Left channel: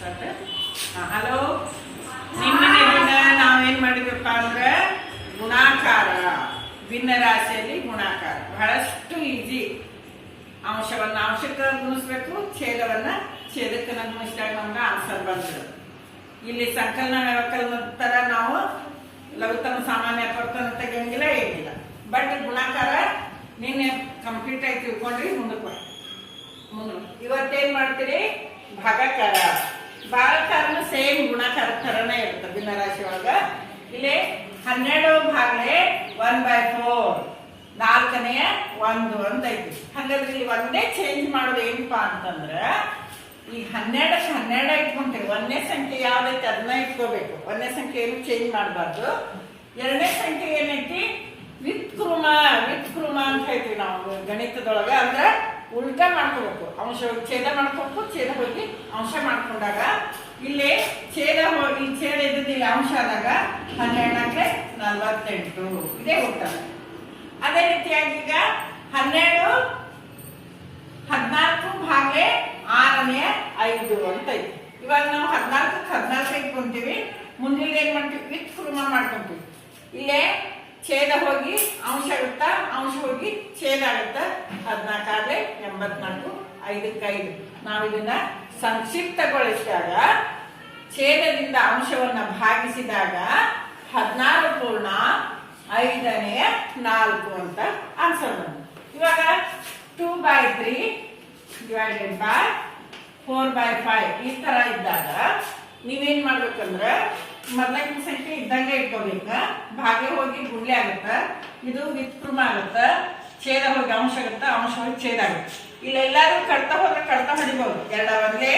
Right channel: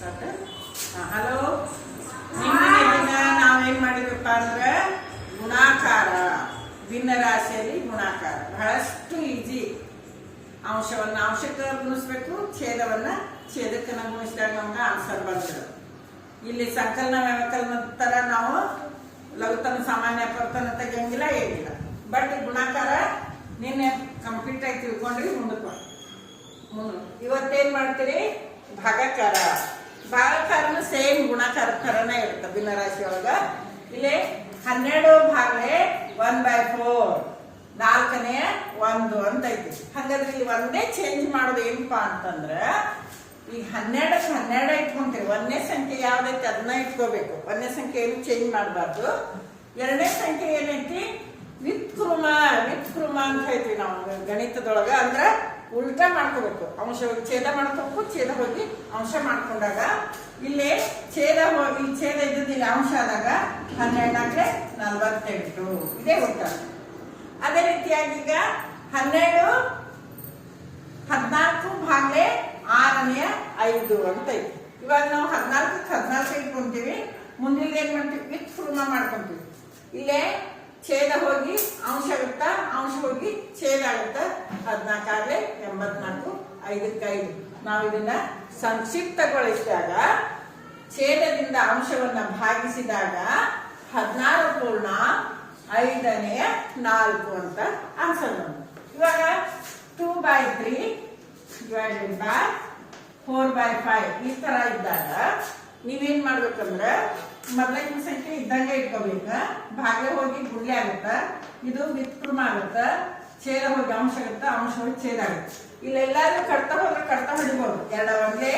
Hello, ನಿನ್ನೆ ದಿನ ನಾವೇನ್ ಮಾಡಿದ್ರಪ್ಪ ಅಂದ್ರೆ ಗುಣಾಕಾರ, ಭಿನ್ನ ರಾಶಿಯಲ್ಲಿ ಗುಣಾಕಾರ ಬಹಳಷ್ಟು ಈಜಿ. ಅಂಶವನ್ನ ಅಂಶಕ್ಕೆ ಗುಣಿಸ್ಬೇಕು, ಛೇದವನ್ನ ಛೇದಕ್ಕೆ ಗುಣಿಸಿದಾಗ ನಮ್ಗೆ ಆನ್ಸರ್ ಬಂದ್ಬಿಡುತ್ತೆ. ಇಲ್ಲಿ ಸಂಕಲನ ವ್ಯವಕಲನ ತರ ನಾವು ಲಘುತಮ ಸಾಮಾನ್ಯ ಅಪವರ್ತನ ತೆಗಿಯಂಗಿಲ್ಲ, ಏನಿಲ್ಲ. ಬಟ್ ಗುಣಾಕಾರ ನಿನ್ನೆ ಕಂಪ್ಲೀಟ್ ಆಗಿ ತಿಳ್ಕೊಂಡ್ರಿ. ಮುಂದಕ್ಕೆ ಇವತ್ತೇನ್ ಮಾಡ್ತೀರಿ? ಭಾಗಾಕಾರ. ಭಾಗಾಕಾರನು ಸೇಮ್ ಗುಣಾಕಾರ ತರನೇ ಇರುತ್ತೆ ಭಿನ್ನ ರಾಶಿ ಒಳಗ. ಇಲ್ಲಿ 12 ಭಾಗಲೆ 1/4, 4ನೇ 1 ಅಂತ ಐತಿ. ಹಾಗಾದ್ರೆ ಇಲ್ಲಿ ಒಂದೇ ಚೇಂಜ್ ಮಾಡೋದು ಏನಪ್ಪಾ ಅಂತಂದ್ರ, ಈಗ 12ಕ್ಕೆ 12 ಇಟ್ಕೊಂತೀವಿ. ಒಂದನೇ ಸಂಖ್ಯೆ ಯಾವ್ದೈತಿ ಅದನ್ನ ಇಟ್ಕೋಬೇಕು. ಒಂದನೇ ಸಂಖ್ಯೆ ಏನು ಚೇಂಜ್ ಮಾಡಬಾರ್ದು. ಎರಡನೇ ಸಂಖ್ಯೆ ಏನೈತಿ? ವಿತ್ಕೃಮ ಅಂತ ಹೇಳ್ತೀವಿ ನಾವು ಗಣಿತದೊಳಗ. ಅಂದ್ರ ಉಲ್ಟಾ ಮಾಡ್ಕೋಬೇಕು. ಅಂಶ ಹೋಗಿ ಛೇದ ಮಾಡ್ಕೋಬೇಕು, ಛೇದ ಹೋಗಿ ಅಂಶ ಮಾಡ್ಕೊಂಡಾಗ ಇಲ್ಲಿ ಛೇದ ಹೋಗಿ ಛೇದ ಇದ್ದಿಲ್ಲ ಅಂಶ ಆದಾಗ 12ಕ್ಕೆ 48 ಇದೇ ಉತ್ತರ. ಅದೇ ರೀತಿಯಾಗಿ ಈಗ 14 14 ಭಾಗಲೆ 6ನೇ 5 ಅಂತ ಐತಿ. ಇವಾಗ ನಾವು 14ಕ್ಕೆ 14 ಇಟ್ಕೊಂತೀವಿ. ಮುಂದಿನ ಏನ್ ಮಾಡ್ತೀವಿ? ವಿತ್ಕೃಮ ಮಾಡ್ಕೊಂತೀವಿ. ಇಲ್ಲೇ ಛೇದ ಹೋಗಿ ಅಂಶ ಆಗುತ್ತಾ, ಅಂಶ ಹೋಗಿ ಛೇದ ಆಗುತ್ತಾ. 14 84, 5ಕ್ಕೆ 5. ನಾವು ಇದನ್ನ ಸಂಕ್ಷಿಪ್ತಗೊಳಿಸಿದಾಗ ಛೇದದಿಂದ ಅಂಶವನ್ನ ಭಾಗಿಸಿದಾಗ 16 ಪೂರ್ಣ 5ನೇ 4 ಅಂತ ಆನ್ಸರ್ ಬಂತು. ಇವಾಗ 2/3 ಡಿವೈಡೆಡ್ ಬೈ 4/5 ಈ ತರ ಇದ್ದಾಗ ನೀವೇನ್ ಮಾಡ್ಬೇಕಂದ್ರೆ ಮೊದಲನೇ ಸಂಖ್ಯೆ ಇದ್ದಂಗೆ ಇಟ್ಕೋಬೇಕ. ಭಾಗ್ಯ ಹೋಗಿ ಗುಂಡ್ಲೆ ಆಗುತ್ತ, ಇದು ವಿತ್ಕೃಮ ಆಗುತ್ತ, ಛೇದ ಹೋಗಿ ಅಂಶ ಆಗುತ್ತ, ಅಂಶ ಹೋಗಿ ಛೇದ ಆಗುತ್ತೆ. ಇಲ್ಲೆಲ್ಲಾದ್ರೂ ಕಡ್ತಾ ಹೋದ್ರೆ ಕಡ್ತಾ ಹೊಡಿಬಹುದು. 2 1